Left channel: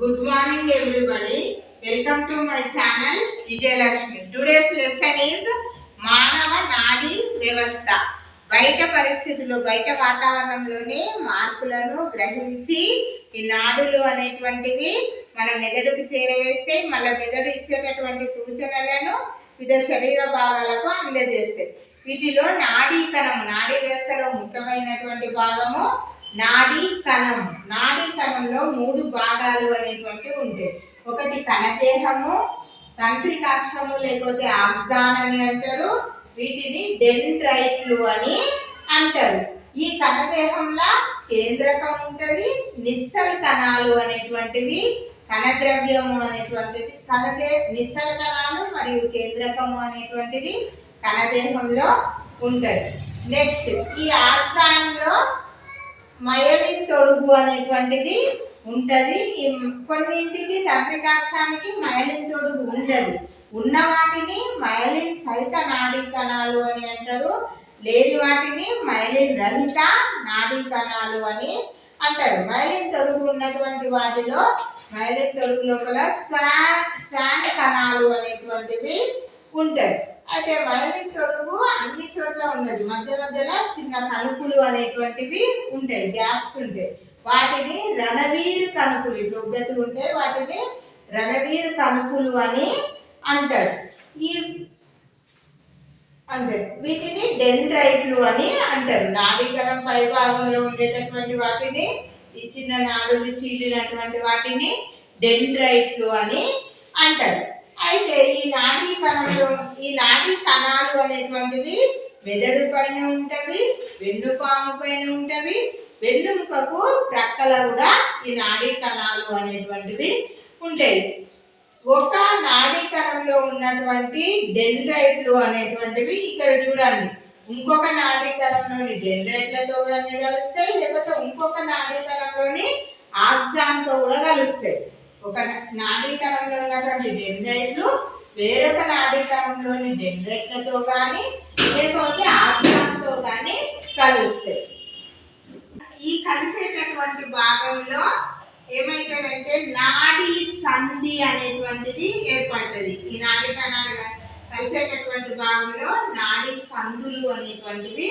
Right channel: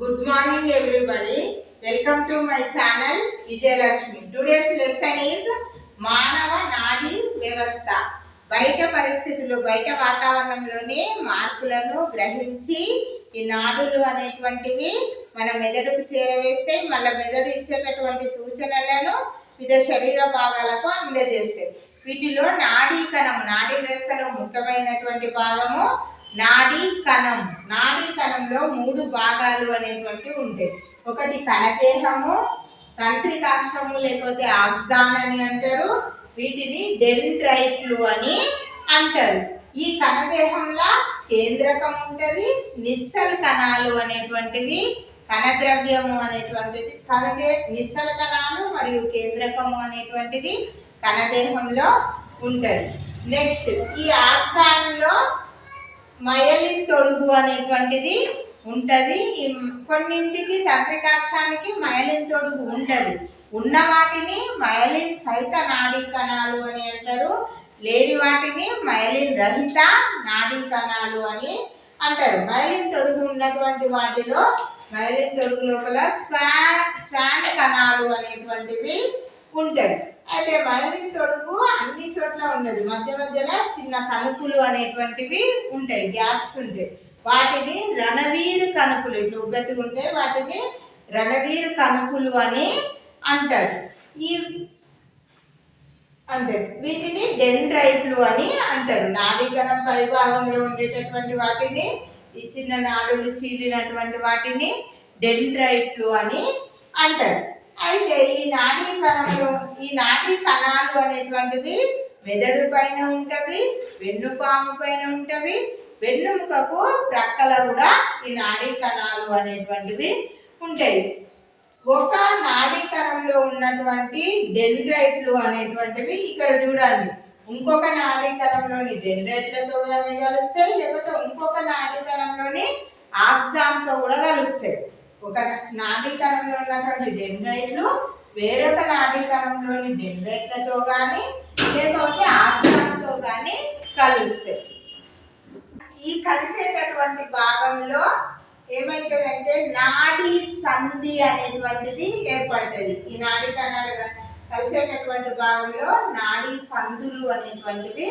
Good morning everybody. Welcome to my channel Vijayalakshmi. Today's lesson is మానవ నాడీ వ్యవస్థ. బయట పరిస్థితులు బయట వాతావరణంలోనే మార్పులను గ్రహించి ఈ నాడులు అనేటువంటివి మన మెదడుకు చేరవేస్తే మళ్ళీ మెదడు ఇచ్చేటటువంటి సూచనలను వివిధ శరీర భాగాలకు అందజేస్తాయి. వీటిలో నాడీ వ్యవస్థలో ముఖ్యమైనటువంటి భాగము నాడీ కణం. నాడీ కణంలో 3 భాగాలు అనేటువంటివి ఉంటాయి. ఒకటి కణదేహము, తంత్రికాక్షము లేకపోతే ఆక్సాన్ అని అంటారు. వీటిని డెండ్రైట్లు అని అంటారు. ఈ కణదేహంలో కేంద్రకం ఉంటుంది, నిస్సల్ కణాలు అనేటువంటివి, కణద్రవ్యము అనేటువంటిది నిస్సల్ కణాలు మరియు కేంద్రకము అనేటువంటిది కణదేహంలో ఉంటుంది. నెక్స్ట్ ఈ ఆక్సాన్లో మయలిన్ తొడుగు అనేటువంటిది ఉంటుంది. కొన్నింటికి తంత్రికాక్షానికి మయలిన్ తొడుగు ఉండదు. ఉన్న వాటిని మయలిన్ సహిత నాడీ కణాలు అని అంటారు. లేని వాటిని మయలిన్ రహిత నాడీ కణాలు అని అంటారు. మయలిన్ తొడుగు ఉన్నటువంటి వాటిలో మయలిన్ తొడుగు లోపల స్వాన్ కణాలు అనేటువంటివి ఉంటాయి. అయితే మయలిన్ తొడుగు అన్ని చోట్ల ఉండదు. మధ్య మధ్యలో చిన్న కణుపులు అనేటువంటివి ఉంటాయి, గ్యాప్స్ ఉంటాయి. వాటిని రణవీరు కణుపులు, ఇట్లా ఉబ్బెత్తుగా ఉంటాయి, వాటిని రణవీరు కణుపులు అని అంటారు. అంతే, వీటిని డెండ్రైట్లు అని అంటారు. నాడీకణం పై భాగంలో ఉండేటటువంటి వాటిని, ఈ చిన్న నాడులు చీలినటువంటి వాటిని డెండ్రైట్లు అని అంటారు. అయితే ఈ నాడీ కణాలు అనేటువంటివి మెదడు పైన ఉంటవి, వెన్నుపాము పైన ఉంటవి, వెన్నుముకకు ప్రక్కల కూడా ఈ నాడీ కణాలు అనేటువంటివి ఉంటాయి. ఒక నాడీ కణంలో ఉన్నటువంటి డెండ్రైట్లు అనేటువంటివి ఇక్కడ చూడండి. ఇంకొక నాడీ కణంలోని డెండ్రైట్లతో కానీ కలుస్తాయి, లేకపోతే ఇంకొక నాడీ కణంలోని ఆక్సాన్తో కూడా కలుస్తాయి. ఒక నాడీ కణంలో ఉన్నటువంటి డెండ్రైట్లు వేరొక నాడీ కణంలోని డెండ్రైట్లతో కానీ లేకపోతే ఆక్సాన్తో కానీ కలుస్తాయి. ఈ కలిసేటటువంటి భాగంలో ఏమైతుందంటే నాడీ సంధి అనేటువంటిది ఏర్పడుతుంది. ఈ నాడీ కణాలు కలిసేటటువంటి భాగంలో నాడీ సంధులు అనేటువంటివి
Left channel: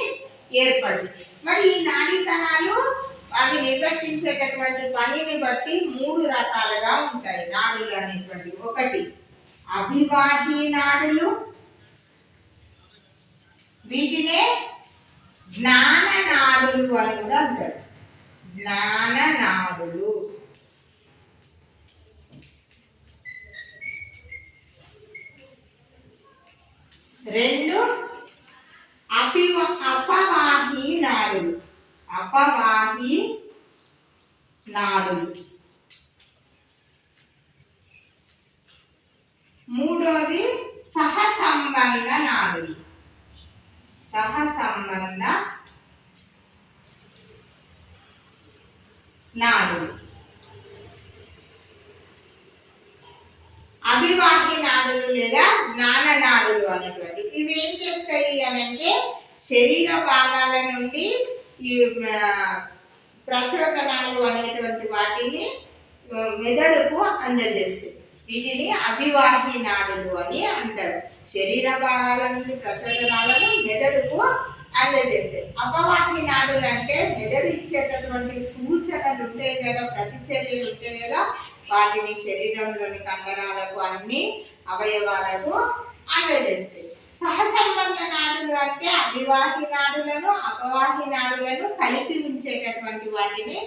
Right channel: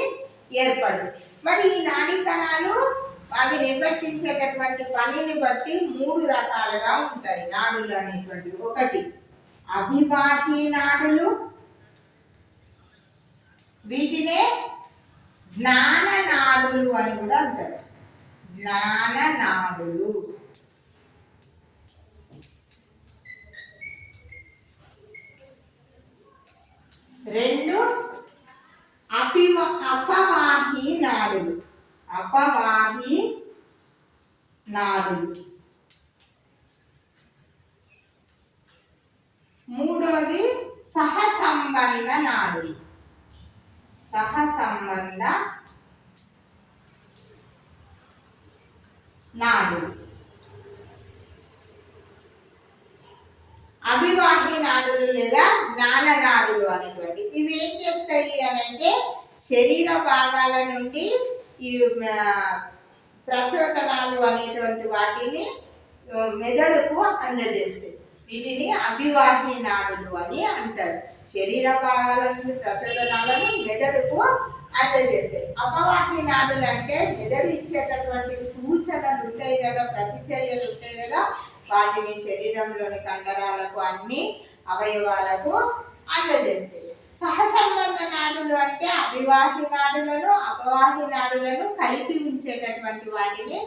ఏర్పడుతుంది. మరి ఈ నాడీ కణాలు అవి నిర్వర్తించేటటువంటి పనిని బట్టి 3 రకాలుగా ఉంటాయి నాడులు అనేటువంటివి. ఒకటి అభివాహి నాడులు, వీటినే జ్ఞాన నాడులు అని కూడా అంటారు. జ్ఞాన నాడులు. రెండు అపవాహి నాడులు. అపవాహి నాడులు. మూడోది సహసంబంధ నాడులు. సహసంబంధ నాడులు. అభివాహి నాడులు లేదా జ్ఞాన నాడులు అనేటువంటి ఇవి ఏం చేస్తాయి అని అంటే శరీర భాగాల నుండి ఈ ప్రచోదనాలు అనేటువంటి వాటిని మెదడుకు అందజేస్తాయి. వీటిని అభివాహి నాడులు అని అంటారు. శరీర భాగాల నుండి ప్రచోదనాలను మెదడుకు అందజేస్తాయి. అపవాహి నాడులు అంటే మెదడు ఇచ్చేటటువంటి సూచనలు ఉంటాయి కదా, ప్రతిచర్యలు ఉంటాయి కదా, వాటిని శరీరంలోని కండరాలకు అన్ని అవయవాలకు అందజేస్తాయి. సహసంబంధ నాడులు అంటే అభివాహి నాడులను అపవాహి నాడులను కలిపి ఉంచేటటువంటి వాటిని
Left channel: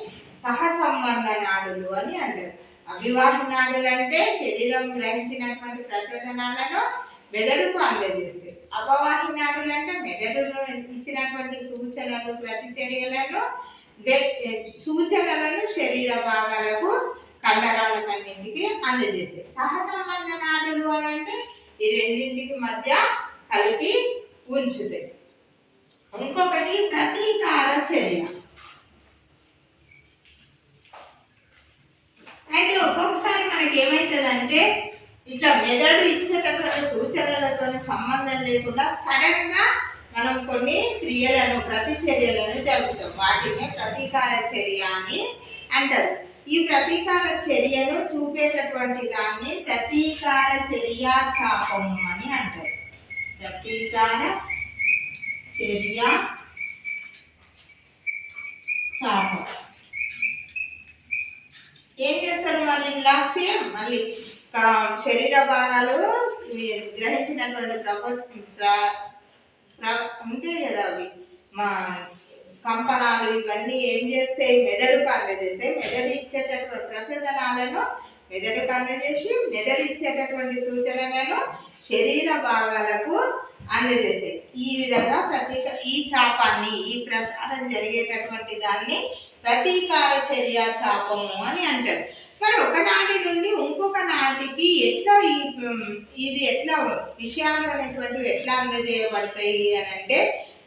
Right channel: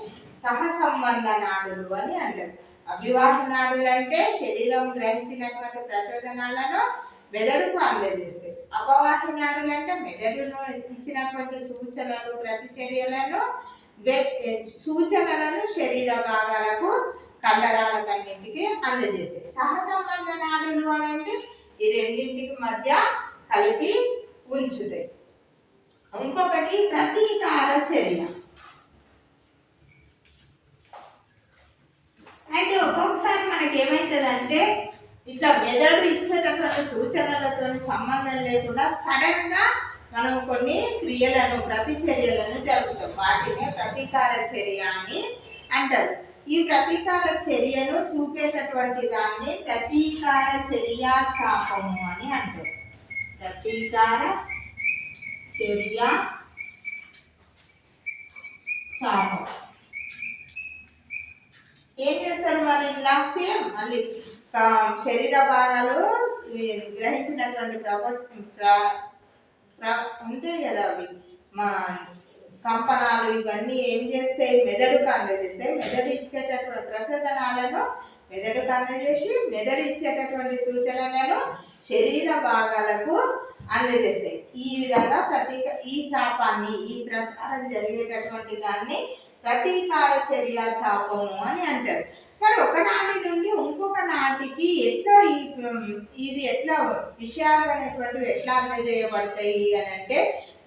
సహసంబంధ నాడులు అని అంటారు. అభివాహి నాడులు అంటే శరీరం గ్రహించినటువంటి ప్రచోదనాలను మెదడుకు అందజేస్తాయి. అపవాహి నాడులు అంటే మెదడును ఇచ్చినటువంటి సూచనలను శరీర భాగాలకు కండరాలకన్నింటికి అందజేస్తాయి. సహసంబంధ నాడులు అని అంటే ఈ రెండింటికి మధ్య కలిపి ఉంచుతాయి. ఇంకొకటి ప్రతీకార చర్య. అయితే ఒక్కొక్కసారి మనకి ఏమవుతుందంటే ఇట్లా మెదడు ఇచ్చేటటువంటి సూచనలతో సంబంధం లేకుండా సడన్ గా మనం కొన్ని క్రియలను ప్రతిచర్యలను జరుపుతాం. వాటినే ప్రతీకార చర్య అని అంటారు. ఈ ప్రతీకార చర్యను చూపేటటువంటి దాన్ని ప్రతీకార చర్య చాపము అని అంటారు. ప్రతీకార చర్య చాపం. ఏం చేస్తారు మరి ఇలా సేమ్ మళ్ళీ శరీర భాగాలు గ్రహించినటువంటి ఉంటాయి కదా, అవి మా కంపనాలు ఇవన్నీ ఏం చేస్తాయి, మెదడుకు అందజేస్తాయి. మెదడు ఇచ్చేటటువంటి ప్రచోదనాలను మెదడుకు అందజేసి మెదడు ఇచ్చేటటువంటి సూచనలను శరీర భాగాలకు అందజేస్తాయి. ఈ విధంగా ఈ చాపాన్ని, ఈ ప్రసారం జరిగేటటువంటి దాన్ని ప్రతీకార చర్య చాపము అని అంటారు. మరి ఒకనాటి నుండి ఇంకొక నాటికి ఎట్లా ఇది ఎట్లా విషయాలు అనేటువంటివి ఎట్లా అందజేయబడతాయి అని అంటే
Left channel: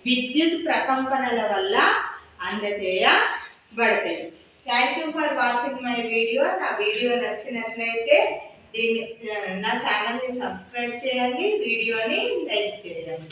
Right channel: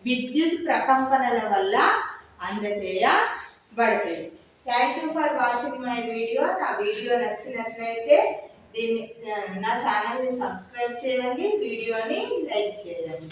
విద్యుత్ ప్రకంపనల వల్ల అందజేయబడతాయి. Thank you for watching my video. నా వీడియో నచ్చినట్లయితే నా ఛానల్ని సబ్స్క్రైబ్ చేయండి, వీడియోని లైక్ చేయండి.